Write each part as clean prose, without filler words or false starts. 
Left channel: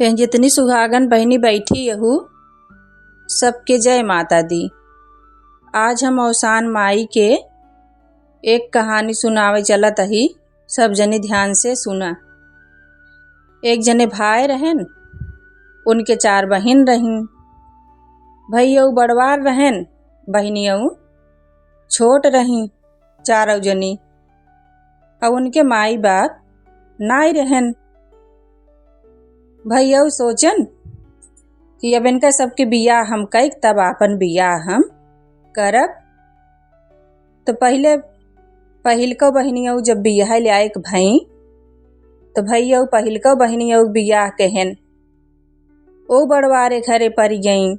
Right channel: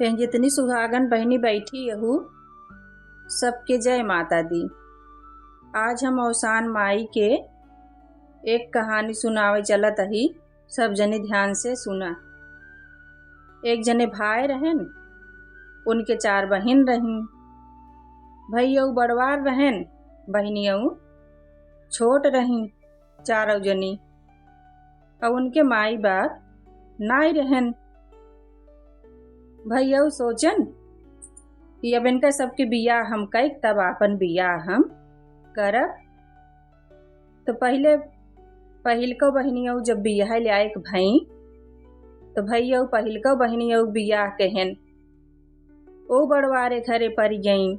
यहाँ जितनी सुहागन बहनी बैठी यहू सबके जय माता दी। आज हम औसान माई के एक कहानी सुनावे चलत ही, सब जने ध्यान से सुना। एक जने भाई रहन, उनके 4 बहिन रहीन। भैया बड़वार रहन, बहनियों छोट रही 4 जनी। और उनके माई बाप नाई रहन। भैया सोचन कि अब इनका सबके बियाह हम कई तब अपन बियाह हम करब। तो पहिलको बहनियों जब बियाह लायक भई तो भैया पहिलको बहनियों बियाह कहन ओ बड़वारे घरे पर गईं।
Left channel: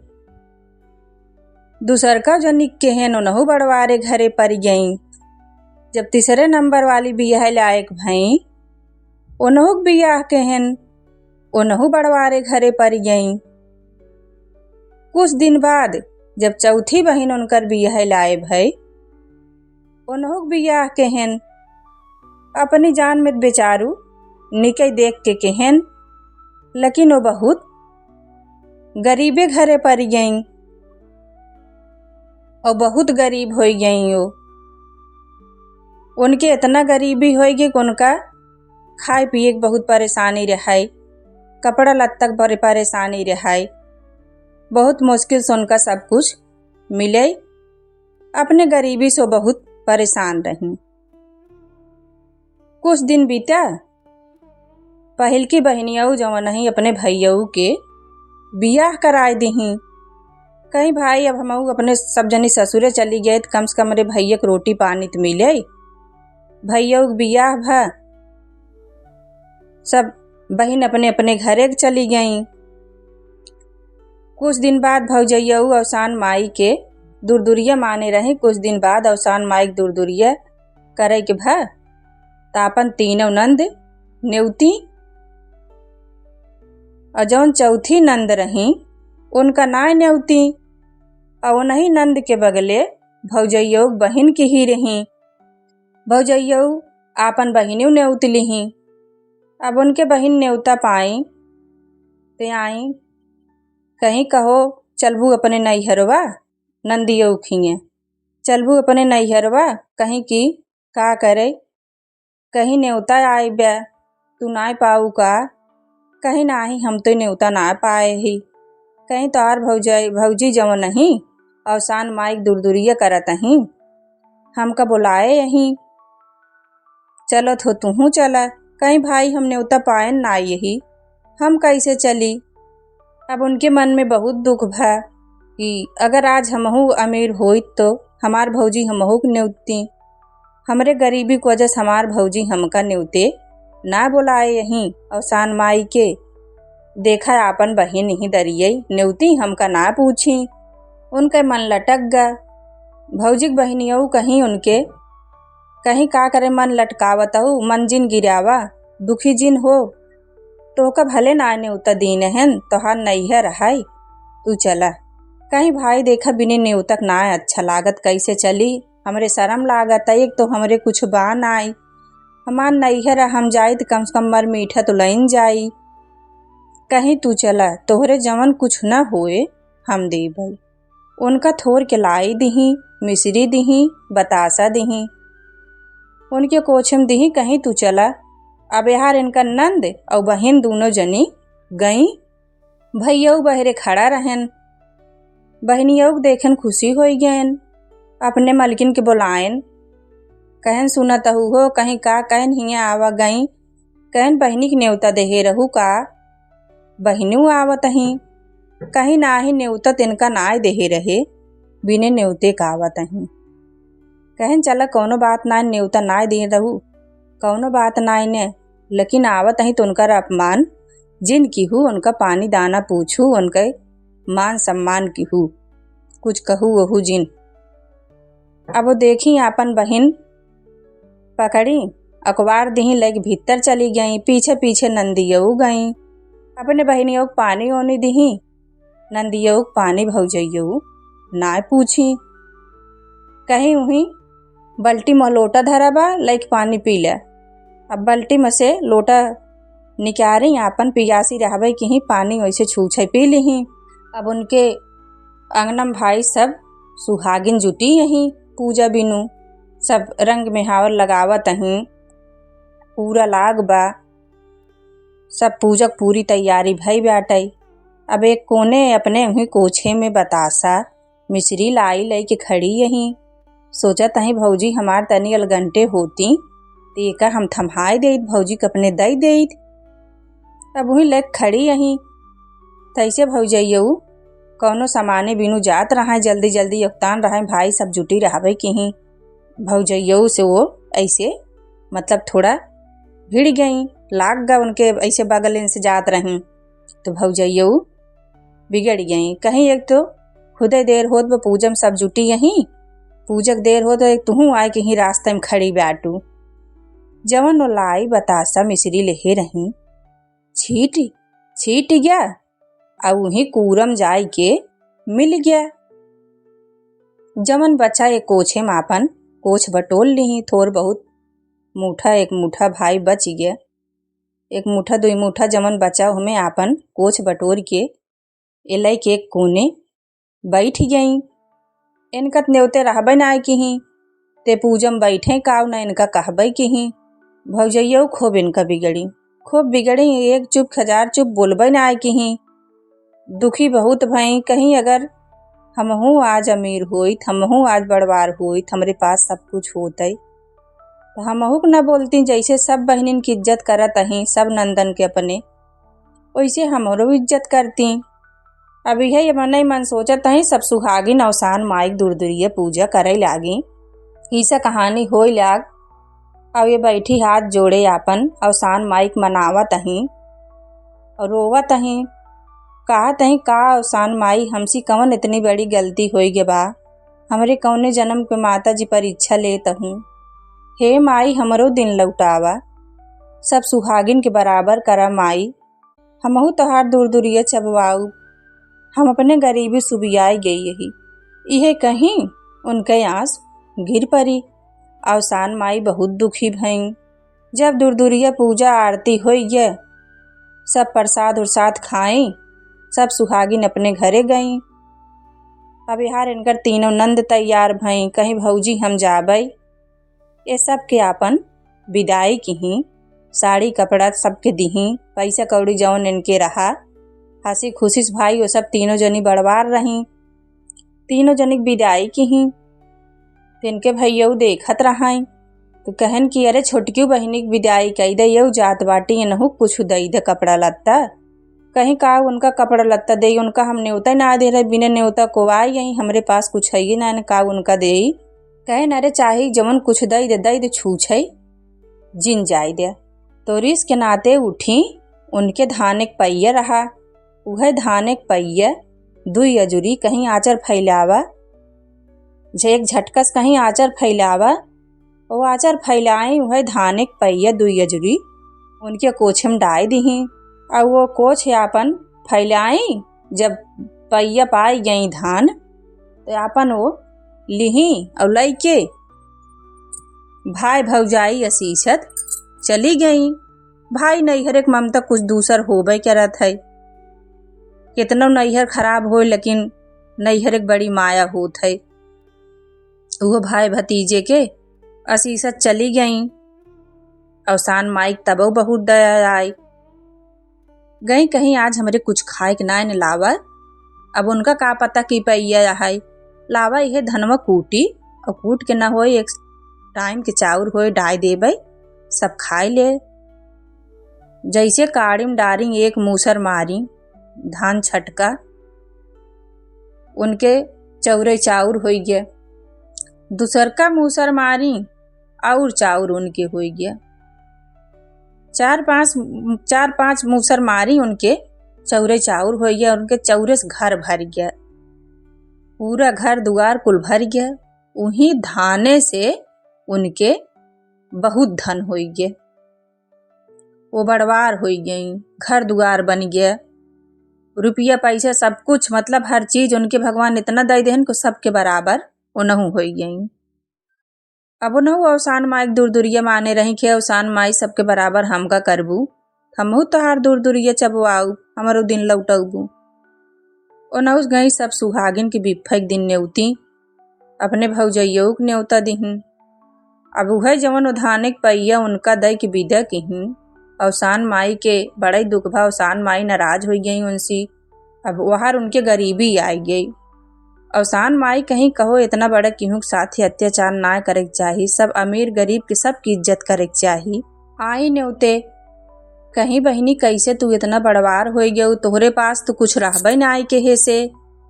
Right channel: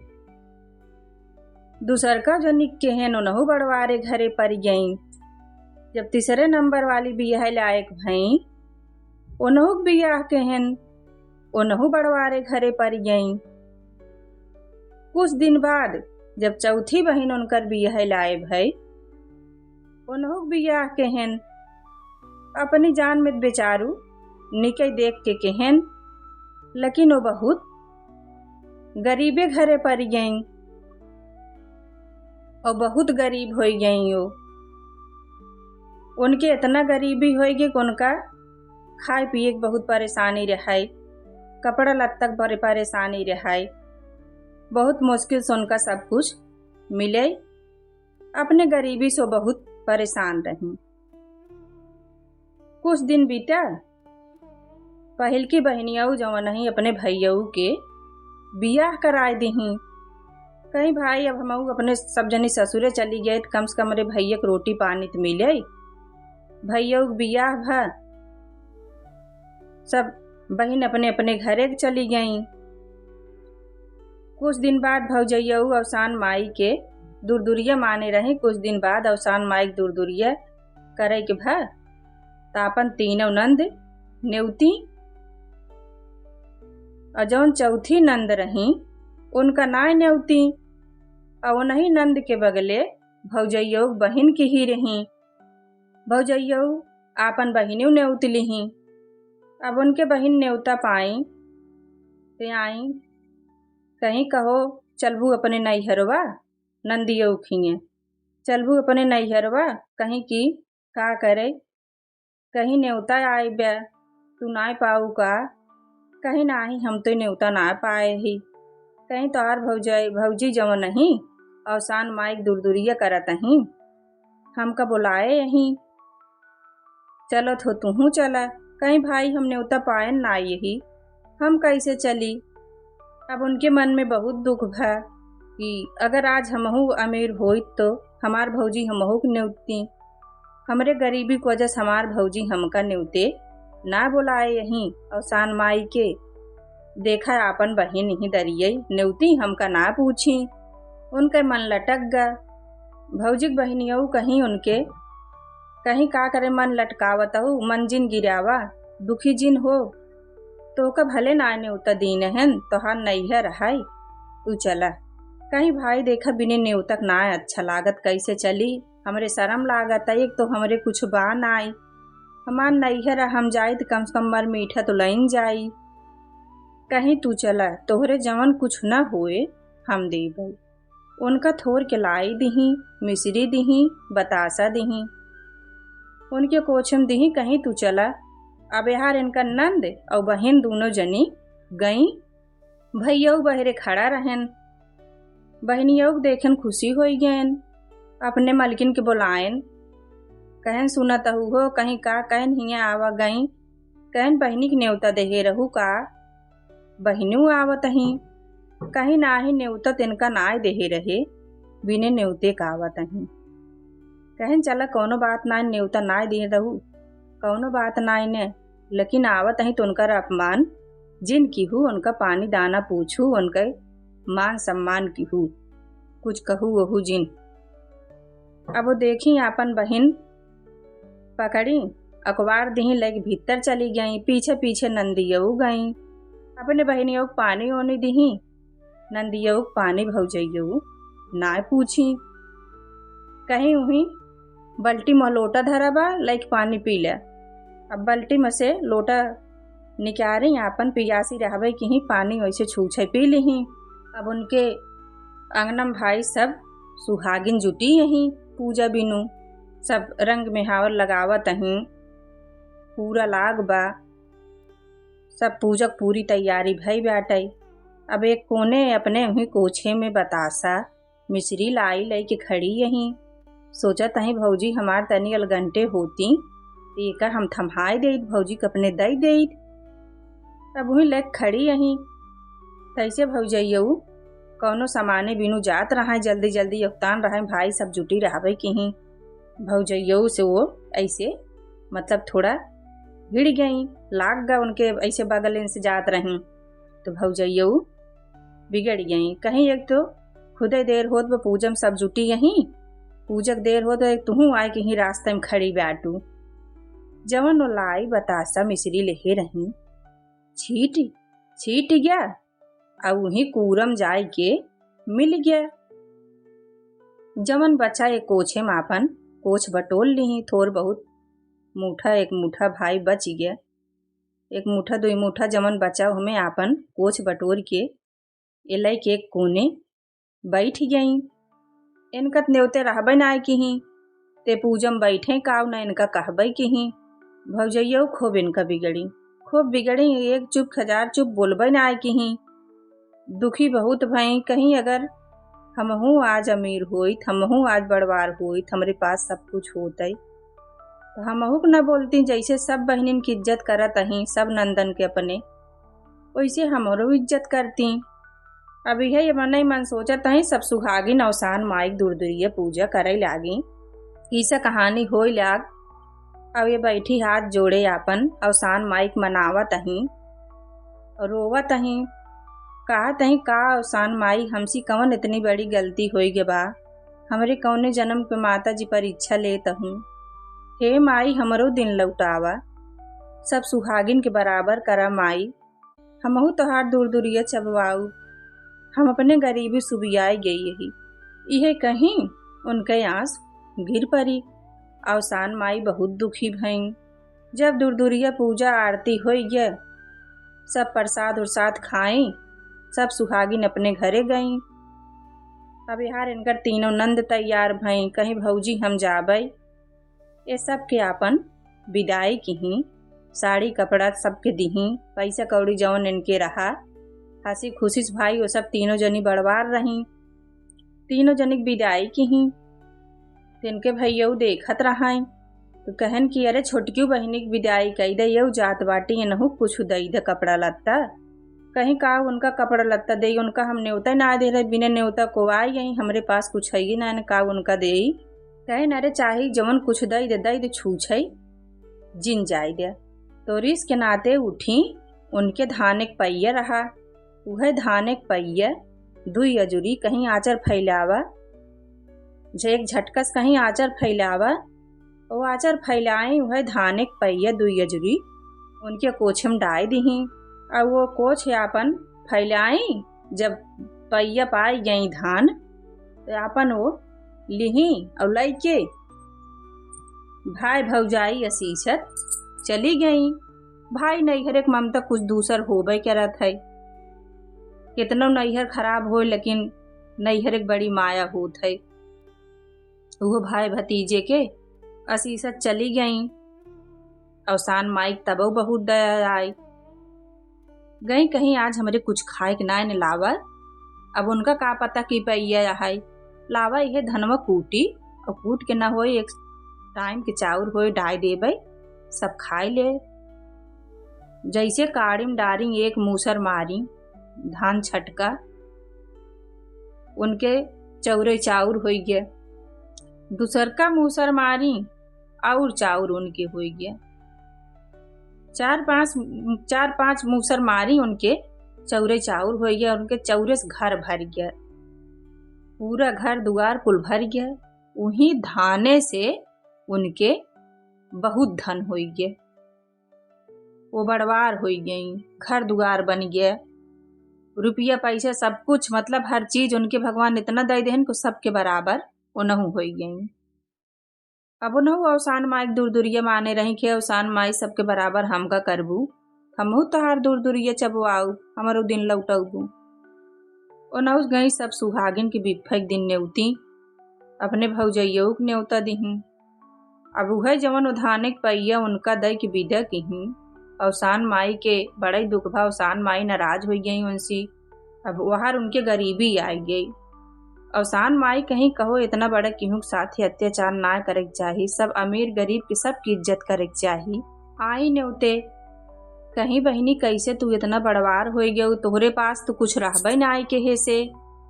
दूसरका जनी कहन उनहु बड़वारे घरे पर गईं। जब तीसरे नंबर वाली बियाह लायक भई उनहु बियाह कहन उनहु बड़वारे घरे पर गईं। कुछ दिन बाद जब चौथी बहन उनकर बियाह लाए भई उनहु बियाह कहन। अपनी जान में बेचारू निकई देख के कहन, लेकिन वो बहुत गरीबे घरे पर गईं और बहुत गरीब हो गईं। उनके इतना गरीबी हो गई कि उनका खाए पिए के बहुत परेशानी रहाई, कपड़ा लत्ता पर परेशानी रहाई। बहुत मुश्किल से उनका सब कुछ मिले। अपने गरीबी से बहुत परेशान रही। कुछ दिन बीता, पहिल की बहनियों जवन नहीं अपने भैयों के बियाह कराए दही। कहीं भाई अब हम अपने सब जनी ससुरे चली गए तो कम से कम मेरे भैया के रोटी पानी तो मिले। भैया बियाह भा, सब बहन अपने अपने घरे चली गईं। कुछ दिन बाद भौजैया औसान माई के दूरदुरिया माने रही। कुछ दिन बाद औसान माई के दूरदुरिया करे के भा तापन तीनों नंद नेवती। और जौन चौथी नंद रही उनका नाय नेवती। और उन्हीं नंद के बगले भौजैया बहन की ही रही। भौजैया आपन बहिनी नेवतली ही। अब उनके बहन नेवता पाई ते आई, कहीं कहो चलबू अपने नैहरवा नंदियों खिए, चलबू अपने नैहरवा कहीं की का करे, कहीं नेवता आए ब्या तू ना पाऊ का, कहीं नाही हम तो नेवता ना पाए ही, कहीं तार भौजी जवन नहीं औसान माइक दूरदुरिया करत ही, हमका बुलाए यहीं चलत हो तू चला। कहीं भाई हम नेवता पाए ना यही हम कैसे चली। अब उनके मन में बहुत दुख भा कि अगर आज हमहू अमीर होइत तो हमार भौजी हमहू के नेवती। हमरे गरीबी की वजह से हमार भौजी हमका नेवते ना बुलाए यहीं औसान माई के। देखा आपन बहन ही दरिये नेवती हमका ना पूछी। उनके मन लटक गा। भौजी के बहनियों कहीं उनके कहीं का करे मन लटकावत हो, मन जिन गिरावा दुखी जिन हो तो का भले ना नेवता दीन हन तोहार नैहर हाय तू चला। कहीं भाई देखा बिने नेवतक ना अच्छा लागत कैसे चली, हमरे शर्म लागत। एक तो हमरे कुछ बान आई, हमार नैहर हम जाई तो कम से कम मर मीठा तो लइन जाई। कहीं तू चला तोहरे जवन कुछ न होए हम दे भाई। उनका थोर के लाई दही, मिश्री दही, बतासा दही, उनके कोछम दही। कहीं तू चला। अब यार इनका नंद और बहन दोनों जनी गई। भैया बहरे खड़ा रहन। बहनियों देखन खुशी हो गयन। अपने मलकिन के बुलायन, कहन सुनत हो कहीं का, कहन हिया आवा गई, कहन बहनी के नेवता देहे रहू का, बहनू आवत ही, कहीं ना ही नेवता तिनका नाय देहे रहे बिने नेवते का आवत ही। कहन चला कौनो बात ना, नेवता नाय दे रहू कौनो बात नाय ने, लेकिन आवत ही तो उनका अपमान जिन की हूँ, उनका पानी दाना पूछू, उनके मान सम्मान की हूँ, कुछ कहू वहू जिन। अब वो देखी आपन बहन पकड़ी अखबार दही लेके भीतर चली गई। पीछे पीछे नंदियों गई। अपने बहनियों को पानी ओनी दही, नंदियों को पानी भौजैयों ना पूछी। कहीं वहीं बल्टी में लोटा धरा बा लेके पानी पी ले। अब बल्टी में से लोटा निकारे आपन पियासी रहबै कि ही पानी वैसे छूछे पी लिही। अब उनके अंगनम भाई सब सुहागिन जुटी यहीं पूजा बिनु, सब रंग मेहावर लगावत अहीं, पूरा लाग बा, सब पूजक पूरी तैयारी भई बाटै। अब एक कोने अपने उही कोछे में बतासा मिश्री लाई लई के खड़ी यहीं, सोचत अहीं भौजी हमार तनी अलगंटे होती तो एकर हम थम्हाई देत, भौजी के अपने दई देत। अब वही लेक खड़ी यहीं, तैसे भौजैयऊ कौनो सामाने बिनु जात रहा, जल्दी जल्दी योगदान रहा, भाई सब जुटी रहबै कि ही। भौजैयऊ से वो ऐसे मतलब थोड़ा भिड़ गई, लाग गा उनके ऐसे बगल से जात रही, तो भौजैयऊ बिगड़ गई। कहीं एक तो खुदे देर होत वो पूजम सब जुटी यहीं, पूजक देर हो तो एक तुहू आए कि ही रास्ते में खड़ी बाटू। जवन वो लाई बतासा मिश्री लेहे रही, छीट गया और वही कूरम जाय के मिल गया। जवन बच्चा एक कोछे मापन कोछ बटोल ली, थोर बहुत मुठा एक मुठा भाई बच गया, एक मुठा दुई मुठा जवन बचा हमें आपन कोछ बटोर के एलै के एक कोने बैठ गई। इनकत नेवते रहबै ना कि ही, ते पूजम बैठे काव ना इनका कहबै कि ही। भौजैयऊ खूब इनका बिगड़ी, खूब बिगड़ी, एक चुप हजार चुप बोलबै ना आए कि ही। दुखी बहुत भई, कहीं अगर हमहू आज अमीर होइत, हमहू आज बड़वार होइत, हमरे पास सब कुछ होतई तो हमहू न बोलती, जैसे सब बहनिन की इज्जत करत अहीं सब नंदन के अपने, वैसे हमरो इज्जत करती। अब यही मन मन सोचत अहीं सब सुहागिन अवसान माइक दूरदूरिये पूजा करे लागी। ऐसा कहानी होई लाग। अब ये बैठी हाथ जोड़े आपन अवसान माइक मनावत अहीं और रोवत अहीं, कहत अहीं का अवसान माई हमसी कवन इतनी बड़ी गलती होई गे बा, हमरे कौने जन्म के माता जी परीक्षा लेत हूँ। हे माई हमरो दिन लौटावा, सब सुहागिन के बराबर करा माई, हमहू तोहार दूरदूरिये चबवाऊ, हम अपने गरीबी सुबियाई गई यही। इहे कहीं उनके आंस गिर पड़ी। अवसान माई बहुत दुखी भईं। जब दूरदूरिये पूजा आरती होई गे, सब प्रसाद उरसाद खाई, सब सुहागिन अपने घरे गईं। अब यार इनकर तीनों नंद तैयार भईं, कहीं भौजी हम जाबई। ये सब के आपन विदाई की, साड़ी कपड़ा सबके दिही, पैसा कौड़ी जौन इनके रहा, हंसी खुशी भाई वो सब तीनों जनी बड़वार रही। तीनों जनी विदाई की ही, इनके भैयऊ देखत रहाई तो कहन कि अरे छोटकी बहिनी की विदाई कई दे, यऊ जात बाटी इनहू कुछ दई दे कपड़ा लत्ता। कहीं का उनका कपड़ा लत्ता दे, उनका हम न्योता ना दे रहे, बिना न्योता को आई यहीं हमरे पास कुछ है ना का उनका दे। कहन अरे चाहे जवन कुछ दई दे छूछे जिन जाय दे। तो रिस के नाते उठी, उनके धान एक पहिया रहा, वह धान एक पहिया दुई अजुरी कहीं आचर फैलावा, झेक झटकस कहीं आचर फैलावा, वो आचर फैलाई वह धान एक पहिया दुई अजुरी उनके कोछे में डाय दीही। और वो कोछ आपन फैलाई, जब पहिया पाई गई धान तो आपन वो लिही और लई के भाई भौजाई असीसत चली गई। भाई नैहर एक ममता कुछ दूसर होबे करत है, कितनो नैहर खराब हो लेकिन नैहर एक बड़ी माया होत है। वो भाई भतीजे के असीसत चली गई। अवसान माइक तबो बहुत दया आई, गई कहीं आज हमरे कुछ खाए के ना लावा। अब उनका का पता कि पैया है लावा, यह धनवा कूटी और कूट के ना हो एक टाइम के चाउर होए डाय देबै, सब खाए ले। जैसे काड़ीम डारी एक मूसर मारी धान छटका, उनके चौरे चाउर हो गया। दूसर का मूसर मारी और चाउर उनके हो गया। चार पांच मूसर मारी, उनके चौरे चाउर हो गया। उनके चौरे से घर भर गया, पूरा घर दुआर कुल भर गया। उन्हीं धाने से उनके बहुत धन हो गया, वो बड़वार हो गई, घर दुआर बन गया, रुपया पैसा सब कुछ, मतलब हर चीज उनके भगवान इतना दे देहन को सबके बराबर उनहु हो गई। अब उनहु अवसान माई दूर दूरिया माने रही कि अवसान माई सबके बराबर हमका करबू, हमहू तोहार दूर दूरिया चबवाऊ, हमारो दिन लौटौबू। ओनहुस गई सब सुहागिन के बिफैक दिन नेवती अपने भौजैयऊ के न्योता दिहिन। अब उहे जवन उधाने के पैया उनका दई के विदा किहिन। अवसान माई के बड़ा दुख भा, अवसान माई नाराज हो गई उनसी। अब वहार उनके गरीबी आई गई। अवसान माई कहीं कहो इतना बड़ा केहू के साथे अत्याचार ना करे के चाही, सब अमीर गरीब के सबकी इज्जत करे के चाही। आई न्योते कहीं बहिनी कैसे तू इतना बड़वार हो गयू, तोहरे पास तो कुछ रहबे ना आई के हे से।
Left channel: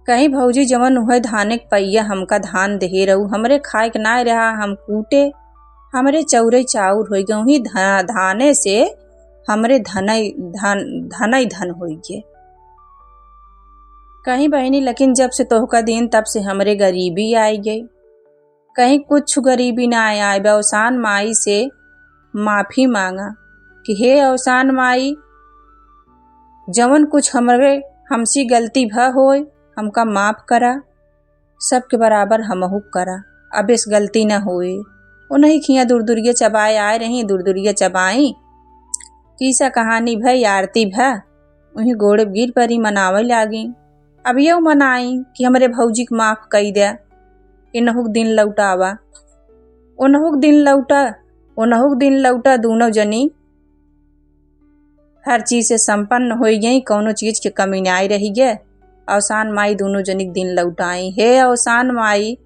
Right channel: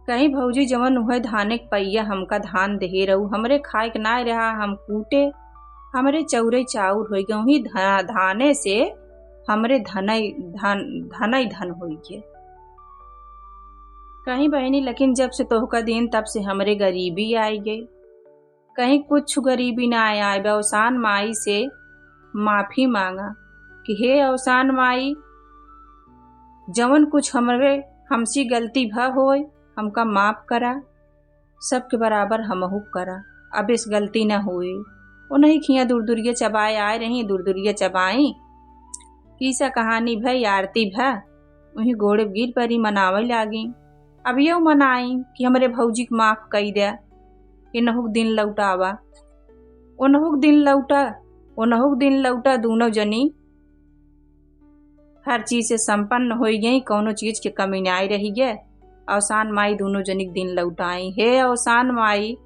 कहीं भौजी जवन उहे धाने के पैया हमका धान देहे रहू, हमरे खाए के ना रहा, हम कूटे हमरे चौरे चाउर हो गए, ही धाने से हमरे धनई धन हो गए। कहीं बहनी लेकिन जब से तोहका दिन तब से हमरे गरीबी आई गई। कहीं कुछ गरीबी ना आए। अवसान माई से माफी मांगा कि हे अवसान माई, जवन कुछ हमसी गलती भ होए हमका माफ करा, सबके बराबर हमहू करा, अब इस गलती न होए। उन्हीं खिया दूर दूरिया चबाए आए रही, दूर दूरिया चबाई किसा कहानी भई, आरती भ वहीं गोड़े गिर परी मनावे लागी। अब यू मनाई कि हमरे भौजी के माफ कई दे, इनहुक दिन लौटावा। उनहुक दिन लौटा दोनों जनी हर चीज से संपन्न हो गई, कौनो चीज के कमी नहीं रही गे। अवसान माई दोनों जनी के दिन लौटाई। हे अवसान माई,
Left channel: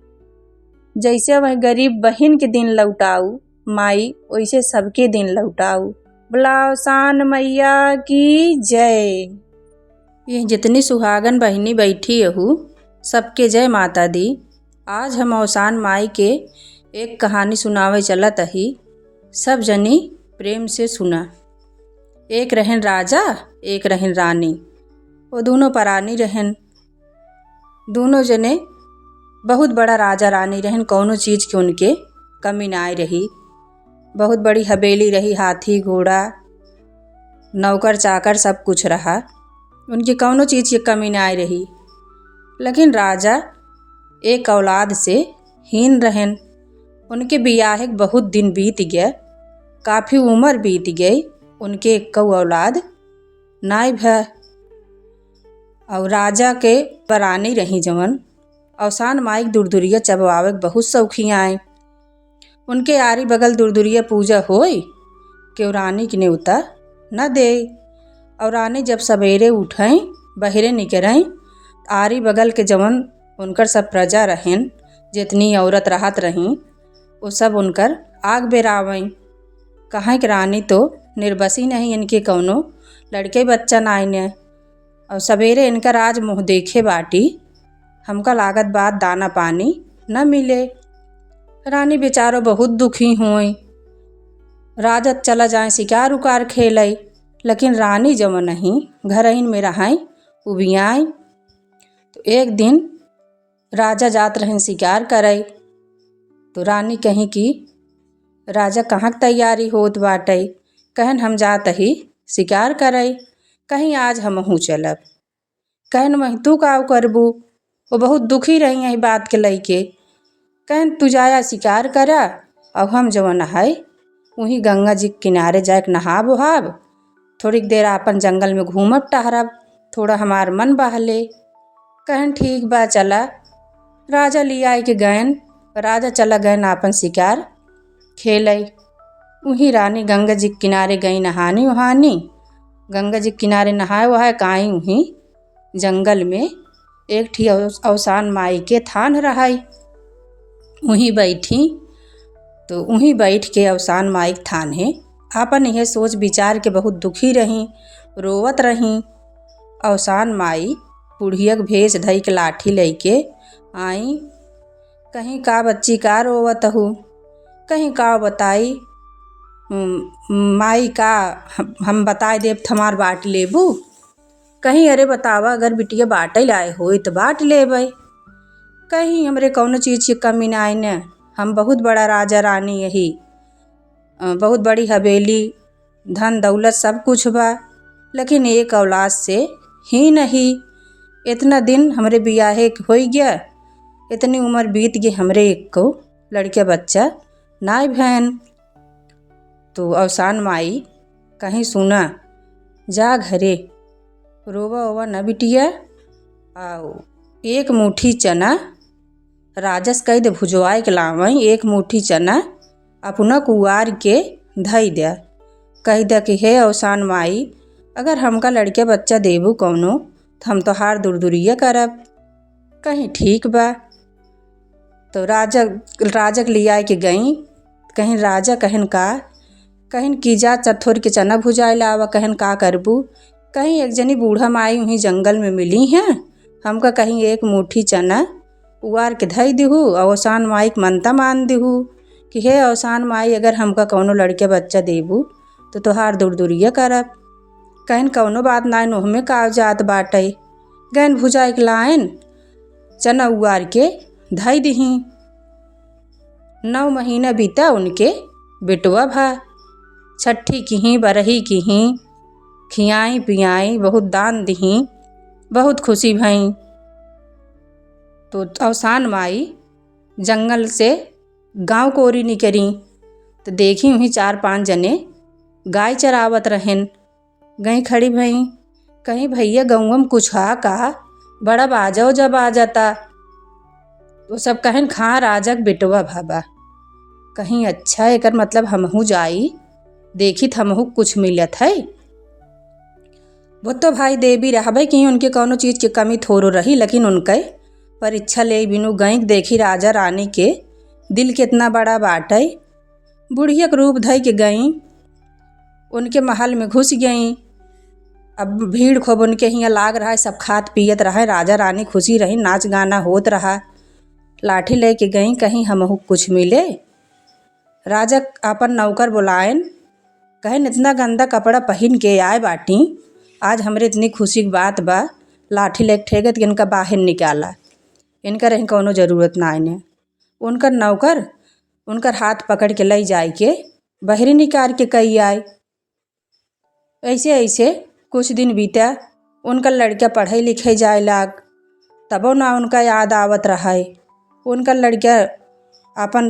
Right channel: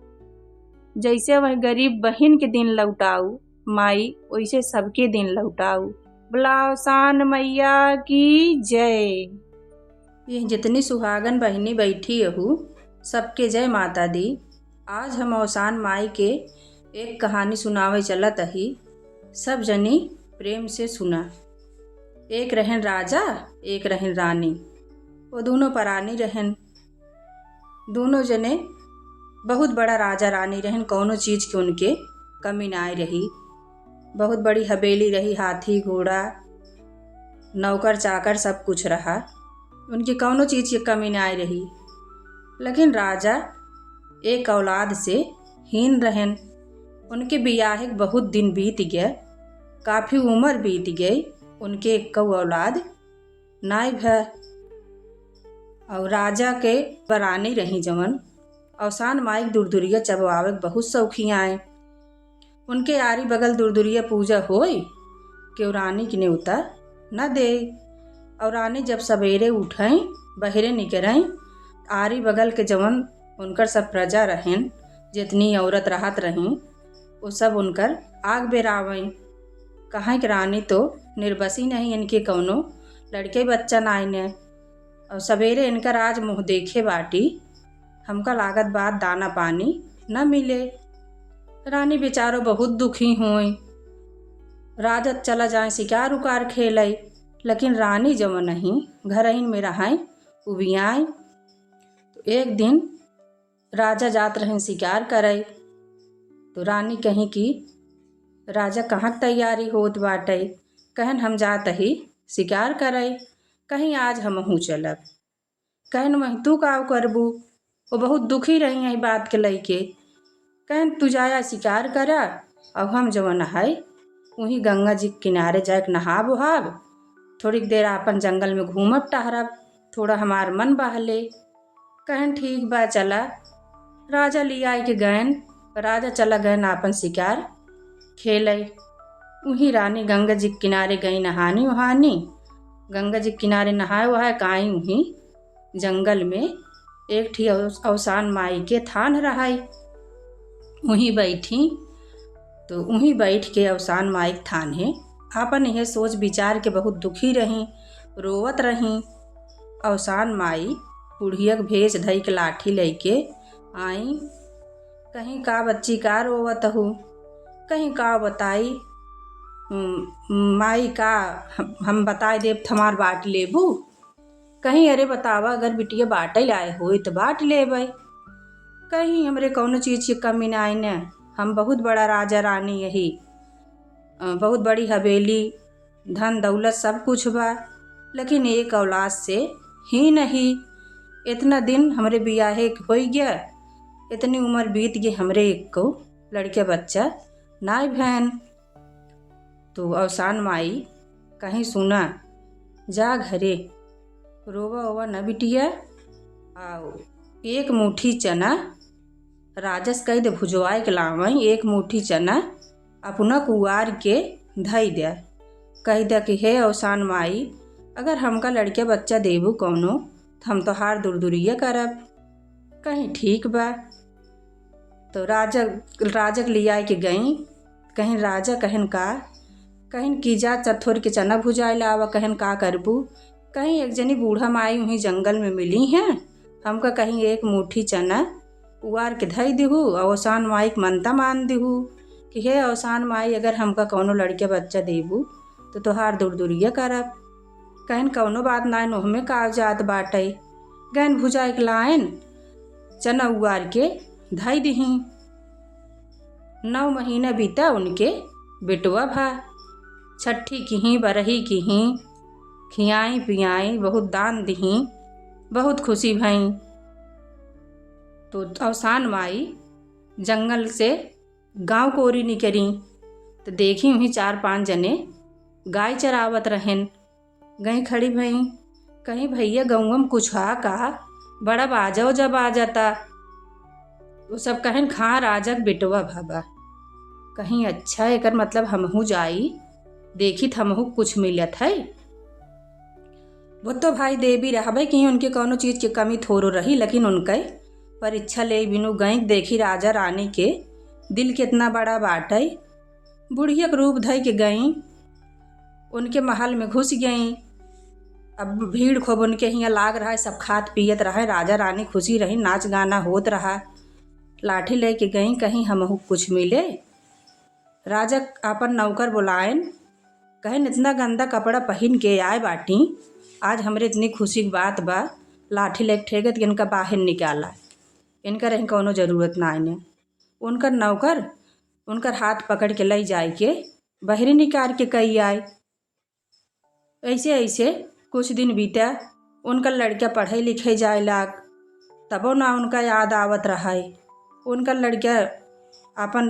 जैसे वह गरीब बहन के दिन लौटाऊ माई, वैसे सबके दिन लौटाऊ। बोला अवसान मैया की जय। ये जितनी सुहागन बहनी बैठी हूँ सबके जय माता दी। आज हम अवसान माई के एक कहानी सुनावे चलत ही, सब जनी प्रेम से सुना। एक रहन राजा, एक रहन रानी। वो दोनों परानी रहन। दोनों जने बहुत बड़ा राजा रानी रहन, कौनो चीज की उनके कमी ना रही। बहुत बड़ी हवेली रही, हाथी घोड़ा नौकर चाकर सब कुछ रहा, उनकी कौनो चीज की कमी ना रही। लेकिन राजा एक औलाद से हीन रहन। उनके बियाहे बहुत दिन बीत गए, काफ़ी उम्र बीत गई, उनके एक औलाद नाई भै। और राजा के परानी रही जवन अवसान माई दूर दूरिया चबवावे बहुत शौखी आए। उनके आरी बगल दूर दूरिया पूजा होई कि रानी के न्योता न दे। और रानी जब सवेरे उठें बहरे निकलें, आरी बगल के जवन उनकर सब प्रजा रहें, जितनी औरत राहत रहीं, वो सब उनकर आग बेरावें। कहाँ कि रानी तो निर्बसी नहीं, इनके कौनो लड़के बच्चा नाई ने। और सवेरे इनकर आज मुँह देखे बाटी, हमका लागत बात दाना पानी न मिले। रानी बेचारो बहुत दुखी हुई। राजा चला जाए शिकार उकार खेले, लेकिन रानी जवन नहीं घरइन में रहें उबियाई। तो एक दिन राजा जात रहें शिकार करे, तो रानी कहीं कि राजा कहाँ की तैयारी होत बाटे, कहन हम जात ही शिकार करे, कहीं आज हमहू चलब। कहन वही तू का करबू। वो बहुत दुखी रही यही बात के लइके। कहन तू जाया शिकार करा, और हम जवन है वहीं गंगा जी के किनारे जाके नहाब उहाब, थोड़ी देर अपन जंगल में घूमब टहरब, थोड़ा हमार मन बहले। कहन ठीक बा चला। राजा लिया के गयन, राजा चला गयन अपन शिकार खेले। वहीं रानी गंगा जी के किनारे गई नहानी वहानी। गंगा जी के किनारे नहाए वहाए काई वहीं जंगल में एक ठी अवसान माई के थान रहाई। वहीं बैठी, तो वहीं बैठ के अवसान माई के थान है आपन यह सोच विचार के बहुत दुखी रही, रोवत रही। अवसान माई बुढ़िया के भेष धई के लाठी लेके आई। कहीं का बच्ची का रोवत हूँ, कहीं का बताई माई का हम बताए देव थमार बाट लेबू। कहीं अरे बतावा अगर बिटिया बाटे लाए हो तो बाट लेबै। कहीं हमरे कौनो चीज़ की कमी ना आई न, हम बहुत बड़ा राजा रानी यही, बहुत बड़ी हवेली धन दौलत सब कुछ बा, लेकिन एक औलाद से ही नहीं। इतना दिन हमरे बियाहे हो गया, इतनी उम्र बीत गई, हमरे एक को लड़के बच्चा नाई बहन। तो अवसान माई कहीं सुना जा घरे रोवा ओवा न बिटिया। आओ एक मुट्ठी चना राजस कह दे भुजवाए के लावई। एक मुट्ठी चना अपना कुआर के धई दे, कह दे कि हे अवसान माई, अगर हमका लड़के बच्चा देबू कौनो तो हम तोहार दूरदूरिया करब। कहीं ठीक बा। तो राजक लिया के गई। कहीं राजा कहन का, कहीं की जा चथोर के चना भुजाए लावा। कहन का करबू। कहीं एक जनी बूढ़ा माई वहीं जंगल में मिली हैं, हमका कहीं एक मुट्ठी चना उवार के धई दिहू। अवसान माई के मनता मान दिहू कि हे अवसान माई, अगर हमका कौनो लड़के बच्चा देबू तो तोहार दूरदूरिया करब। कहन कौनो बात नाय, नोहमे कागजात बाटे। गैन भुजाए के लाइन चना उवार के धई दिही। 9 महीना बीता उनके बेटवा भा। छठी किहीं बरही किहीं, खियाई पियाई बहुत दान दिही, बहुत खुशी भई। तो अवसान माई जंगल से गांव को ओरी निकरी तो देखी वहीं 4-5 जने गाय चरावत रहन। गई खड़ी भई। कहीं भैया गौवा में कुछ हा का, बड़ा बाजा जब आ जाता। तो सब कहन खा राजक बेटवा भाबा। कहीं अच्छा एकर मतलब हमहू जाई, देखी हमहू कुछ मिलत है। वो तो भाई देवी रहबे कि उनके कौनो चीज़ की कमी थोड़ो रही, लेकिन उनके परीक्षा ले बिनु गई देखी राजा रानी के दिल कितना बड़ा बाटे। बुढ़िया के रूप धई के गई, उनके महल में घुस गई। अब भीड़ खूब उनके हियाँ लाग रहा है, सब खात पियत रहे, राजा रानी खुशी रही, नाच गाना होत रहा। लाठी ले के गई कहीं हमहू कुछ मिले। राजा अपन नौकर बुलाएन, कहें इतना गंदा कपड़ा पहन के आए बाटी, आज हमरे इतनी खुशी की बात बा, लाठी ले ठेगत इनका बाहर निकाला। इनका रही कौनो ज़रूरत ना आने। उनकर नौकर उनकर हाथ पकड़ के ले जाए के बहरी निकाल के कही आए। ऐसे ऐसे कुछ दिन बीता। उनका लड़का पढ़े लिखे जाए लाग, तबो ना उनका याद आवत रहा है। उनका लड़का अपन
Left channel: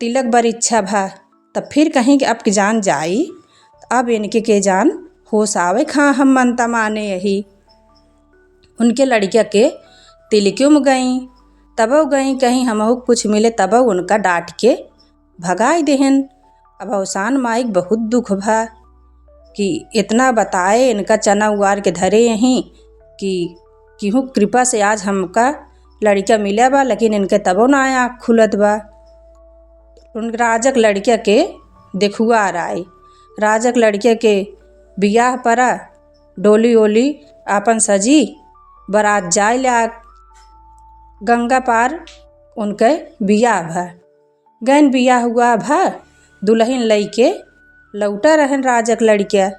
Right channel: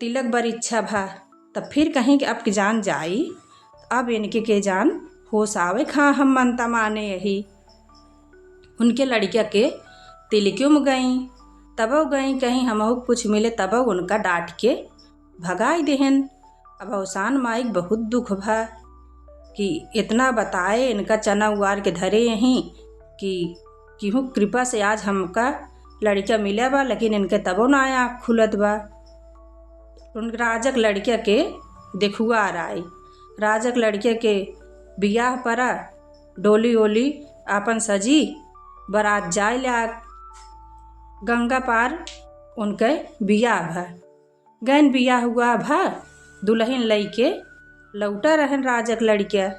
तिलक बर इच्छा भा, तब फिर कहीं कि अब की जान जाई, अब इनके के जान होश आवे खा हम मनता माने यही। उनके लड़का के तिलक्यों में गई, तबो गई कहीं हमहू कुछ मिले, तबो उनका डांट के भगाई देहन। अब अवसान माई बहुत दुख भा कि इतना बताए इनका चना उवार के धरे यहीं कि केहू कृपा से आज हमका लड़का मिला बा, लेकिन इनके तबो ना आँख खुलत बा। उन राजक लड़के के देखुआ आए। राजक लड़के के बियाह परा, डोली ओली आपन सजी, बारात जाए लाग। गंगा पार उनके बियाह भा। गैन बियाह हुआ भा, दुल्हन लई के लौटा रहन राजक लड़का।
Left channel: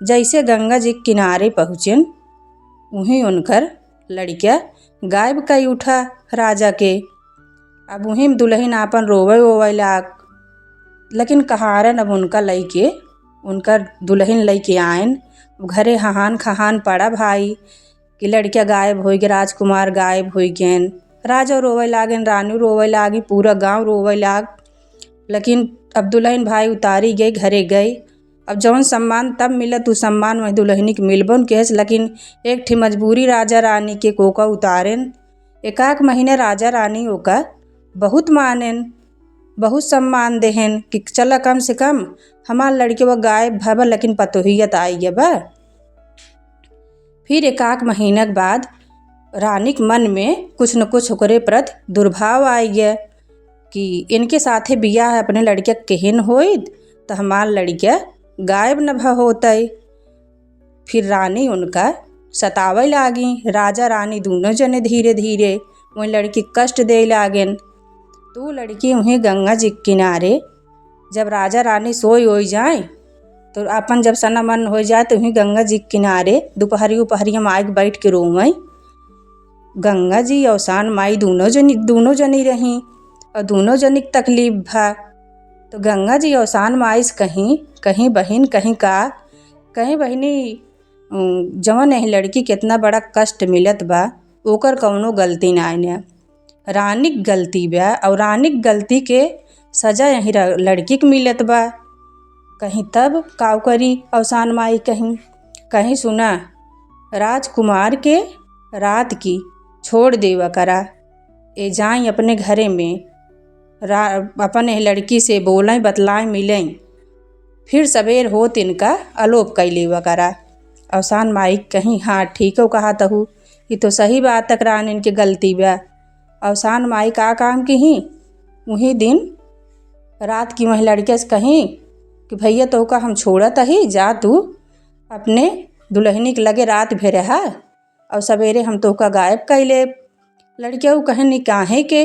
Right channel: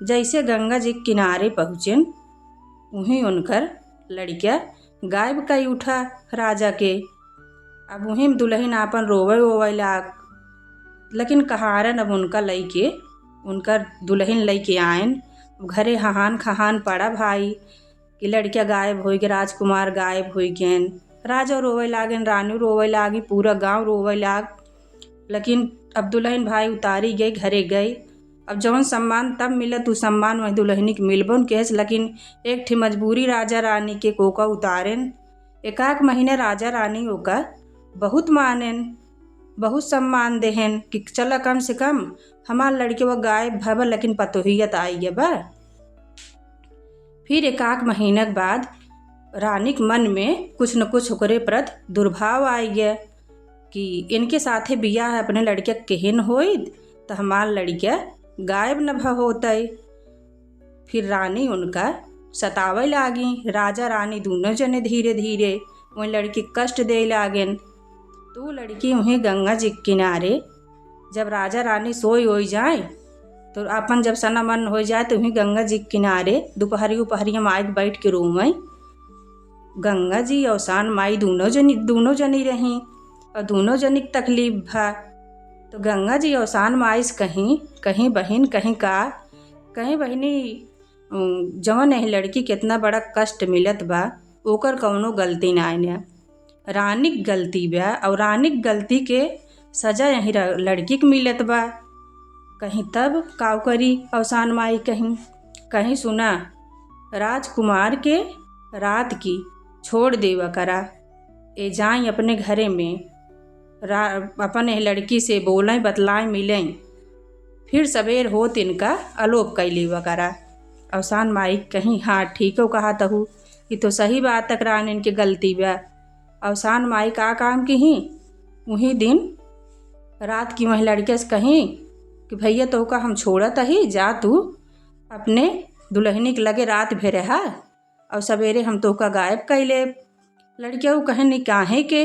जैसे गंगा जी के किनारे पहुँचन, वहीं उनकर लड़का गायब कई उठा राजा के। अब वहीं दुल्हन आपन रोवे ओवे लाग, लेकिन कहारन अब उनका लई के उनकर दुल्हन लई के आयन। घरे हहान खहान पड़ा भाई कि लड़का गायब हो गए, राजकुमार गायब हो गए। राजा रोवे लागन, रानी रोवे लागी, पूरा गांव रोवे लाग। लेकिन अब दुल्हन भाई उतारी गई, घरे गई। अब जौन सम्मान तब मिलत उ सम्मान वही दुल्हनी के मिलबन के, लेकिन एक ठे मजबूरी राजा रानी के कोका उतारेन। एकाक महीने राजा रानी ओका बहुत मानेन, बहुत सम्मान देहन कि चला कम से कम हमार लड़के वो गायब भबा, लेकिन पतोहियत आई बा। फिर एकाक महीना के बाद रानी के मन में कुछ न कुछ ओकरे प्रति दुर्भाव आई गया कि इनके साथे बियाह अपने लड़के केहन होइत तो हमार लड़का गायब न भ होतई। फिर रानी उनका सतावे लागी। राजा रानी दोनों जने धीरे धीरे वही लड़की कष्ट दे लागेन। तो लड़की वहीं गंगा जी के किनारे जब राजा रानी सोई हो जाए तो अपन जब सना मन हो जाए तो वहीं गंगा जी के किनारे दोपहरिया माई के बैठ के रोवई। गंगा जी अवसान माई दोनों जनी रहीं और दोनों जनी के तकलीफ भा। तो गंगा जी अवसान माई से कहीं बहन कहीं बहनी जवन यही लड़की कितना बड़ा कष्ट मिलत बा, ओकर कौनो गलती ना आने, रानी की गलती बा। और रानी की गलती के सजा यही लड़की के मिलत बा। कहीं तब काव करी अवसान माई कहीं कहीं सुना राजकुमार के रात की छोड़ देवा करा, ए जाई अपने घरे में अपने लड़की से बोलें बतलाएं मिलें, फिर सवेर होत इनका अलोप कैलेवा करा। अवसान माई कहीं हाँ ठीक हो कहा तहु, ये तो सही बात तकरान इनके गलती बा। अवसान माई का काम की ही वही दिन रात की वही लड़के से कहीं कि भैया तो का हम छोड़त ही जा, तू अपने दुल्हनी के लगे रात भे रहा और सवेरे हम तो का गायब कैले। लड़के वो कहन निकाहे के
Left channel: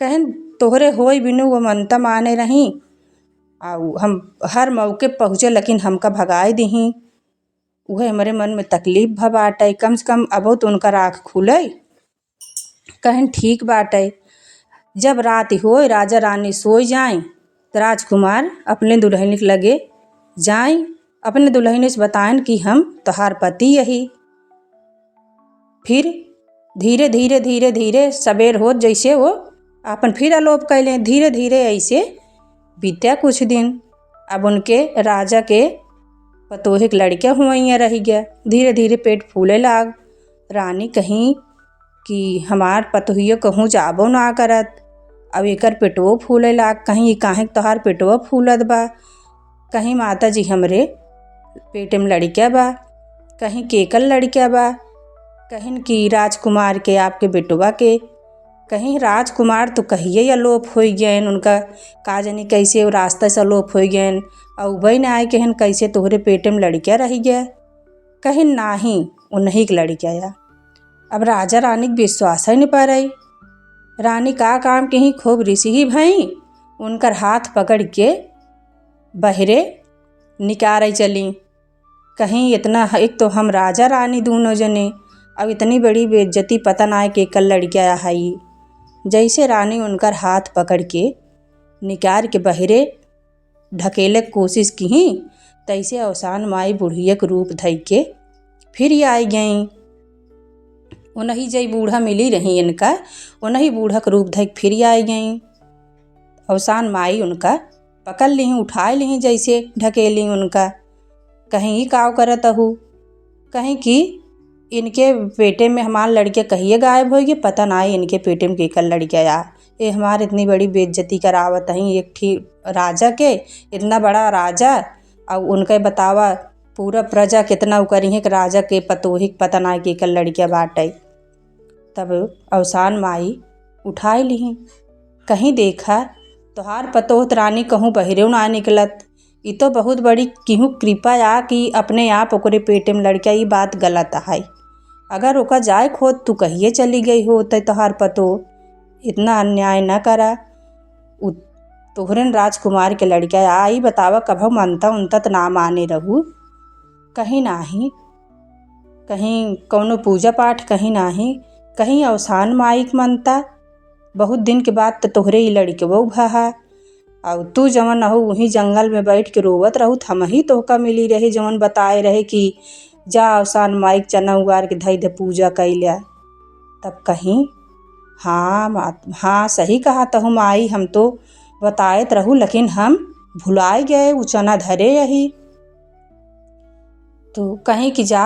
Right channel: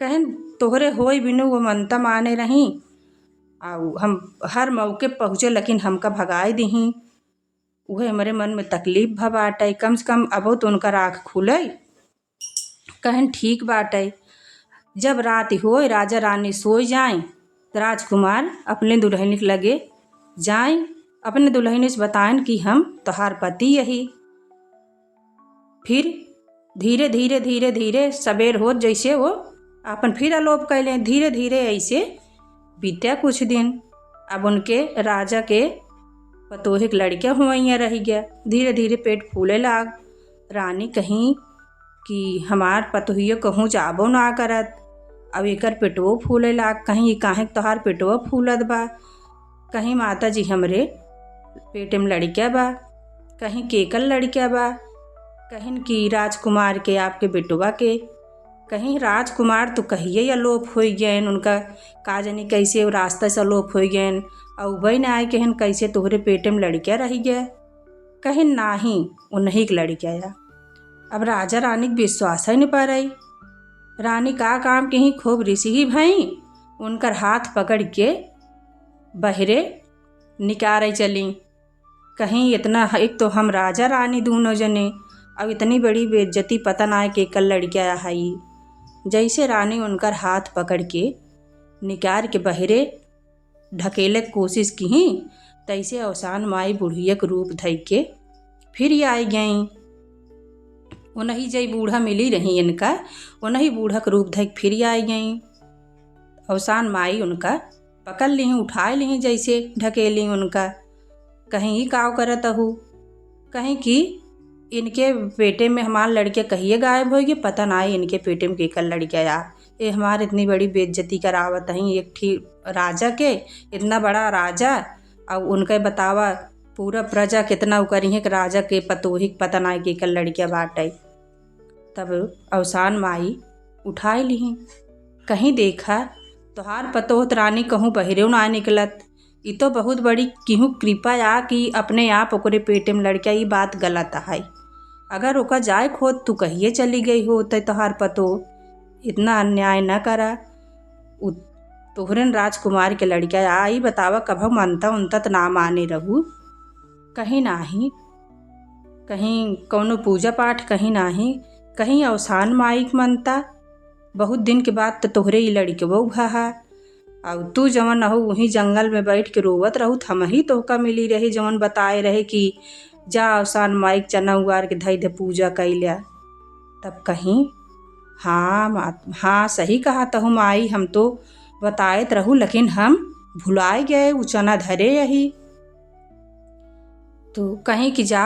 कहन तोहरे होई बिनु वो मनता माने रही और हम हर मौके पहुँचे लेकिन हमका भगाए दही। वह हमारे मन में तकलीफ भ बाटे, कम से कम अबो तो उनका आँख खुले। कहन ठीक बाटे। जब रात होए राजा रानी सोई जाए तो राजकुमार अपने दुल्हनी के लगे जाए, अपने दुल्हनी से बताएं कि हम तोहार पति यही। फिर धीरे धीरे धीरे धीरे सवेर होत जैसे वो अपन फिर अलोप कैले। धीरे धीरे ऐसे बीत्या कुछ दिन। अब उनके राजा के पतोहे के लड़के हुआ रह गया। धीरे धीरे पेट फूले लाग। रानी कहीं कि हमार पतोहिया कहूँ जाबो ना करत, अब एकर पेटवो फूले लाग। कहीं काहे तोहार पेटवा फूलत बा, कहीं माता जी हमरे पेट में लड़किया बा, कहीं केकल लड़किया बा, कहीं कि राजकुमार के आपके बेटवा के, कहीं राजकुमार तो कहिए अलोप हो गए। उनका का जानी कैसे रास्ता से अलोप हो गए और वही ना आए कहन कैसे तोहरे पेट में लड़किया रह गया, कहीं नाही उन्हीं के लड़किया या। अब राजा रानी के विश्वास ही नहीं पा रही। रानी का काम कहीं खूब ऋषि ही भई उनकर हाथ पकड़ के बहरे निकारे चली। कहीं इतना एक तो हम राजा रानी दोनों जने, अब इतनी बड़ी बेइज्जती पता ना है कि कल लड़किया आई। जैसे रानी उनकर हाथ पकड़ के निकार के बहरे ढकेले कोशिश की, तैसे अवसान माई बुढ़िया के रूप धइ के फिर आई गई। उन्हीं जई बूढ़ा मिली रही इनका, उन्हीं बूढ़ा के रूप धइ फिर आई गई। अवसान माई उनका पकड़ ली, उठाए ली, जैसे ढकेली उनका। कहीं काव करत हूँ, कहीं कि इनके पेटे में हमारे लड़के कहिए गायब हो गए, पता ना इनके पेटे में केकर लड़के आ। ये हमारे इतनी बड़ी बेइज्जती करावत ही एक ठी राजा के, इतना बड़ा राजा और उनके बतावा पूरा प्रजा कितना उकरी है कि राजा के पतोही पता ना केकर लड़के बाटे। तब अवसान माई उठाए ली, कहीं देखा तोहार पतोहत रानी कहूँ बहरे ना निकलत। ये तो बहुत बड़ी केहू कृपा आ कि अपने आप ओकरे पेटे में लड़का, ये बात गलत है। अगर ओका जाए खोद तू कहिए चली गई हो तो तोहार पतो, इतना अन्याय न करा। तोहरन राजकुमार के लड़का आई बतावा कभो मनता उनता तो ना माने रहू, कहीं नाही, कहीं कौनो पूजा पाठ कहीं नाही, कहीं अवसान माई के मनता। बहुत दिन के बाद तो तोहरे ही लड़के वो भहा और तू जवन हो वहीं जंगल में बैठ के रोवत रहू, हम ही तोहका मिली रही जवन बताए रहे कि जा अवसान माई के चना उगार के धई दे पूजा कैल्या। तब कहीं हाँ सही कहा तहु माई, हम तो बताएत रहू लेकिन हम भुलाए गए वो चना धरे यही। तो कहीं कि जा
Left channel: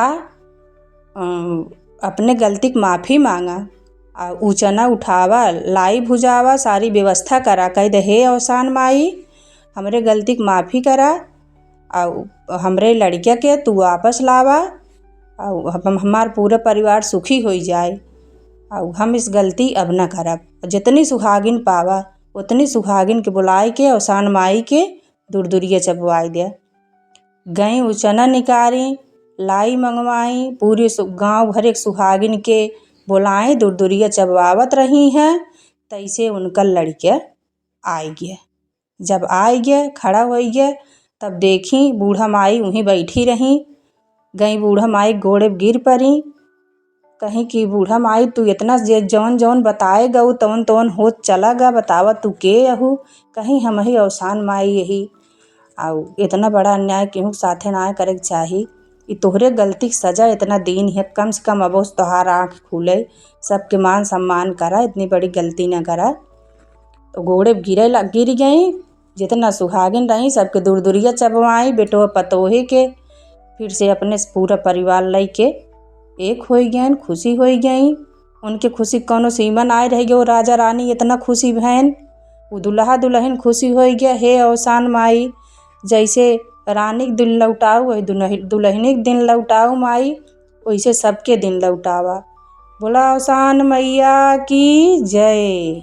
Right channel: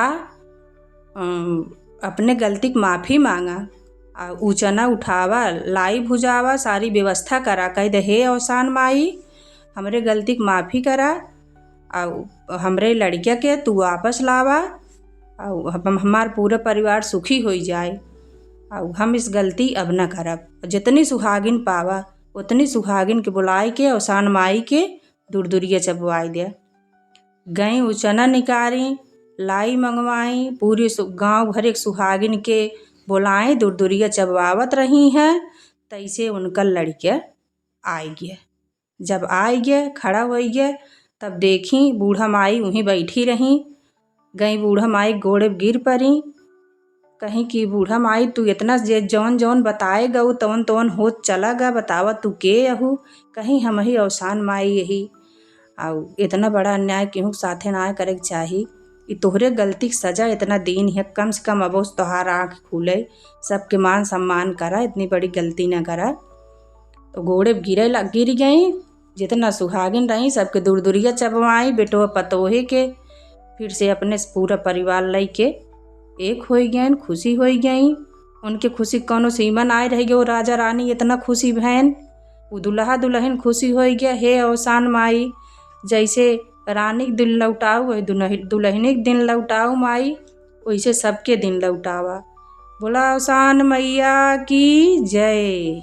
अपने गलती की माफ़ी मांगा और ऊ चना उठावा लाई भुजावा सारी व्यवस्था करा, कह दे हे अवसान माई हमरे गलती की माफ़ी करा और हमरे लड़किया के तू वापस लावा और हमार पूरा परिवार सुखी हो जाए और हम इस गलती अब न करब। जितनी सुहागिन पावा उतनी सुहागिन के बुलाए के अवसान माई के दूर-दूरिया चबवाई दिया। गई ऊ चना निकारी लाई मंगवाई, पूरे गांव भर एक सुहागिन के बुलाए दूर-दूरिया चबवावत रही हैं। तैसे उनका लड़के आई गया। जब आई गया खड़ा हो गया तब देखी बूढ़ा माई वहीं बैठी रही। गई बूढ़ा माई गोड़े गिर पड़ी, कहीं कि बूढ़ा माई तू इतना जौन जौन बताए गऊ तवन तवन होत चला गा, बतावा तू के अहू। कहीं हम ही अवसान माई यही और इतना बड़ा अन्याय केहू साथे ना करे के चाही। ये तोहरे गलती की सजा इतना दिन है, कम से कम अब तोहार आँख खुले, सबके मान सम्मान करा, इतनी बड़ी गलती न करा। तो गोड़े गिर गई, जितना सुहागिन रही सबके दूर दूरिया चबवाई बेटो पतोहे के। फिर से अपने पूरा परिवार लेके एक हो गए, खुशी हो गई। उनके खुशी कौनो सीमा आए रह गए। राजा रानी इतना खुशी भैन, वो दुल्हा दुल्हन खुशी हो गया। हे अवसान माई, जैसे रानी के दिन लौटाऊ वही दुल्हनी के दिन लौटाऊ माई, वैसे सबके दिन लौटावा। बोला अवसान मैया की जय।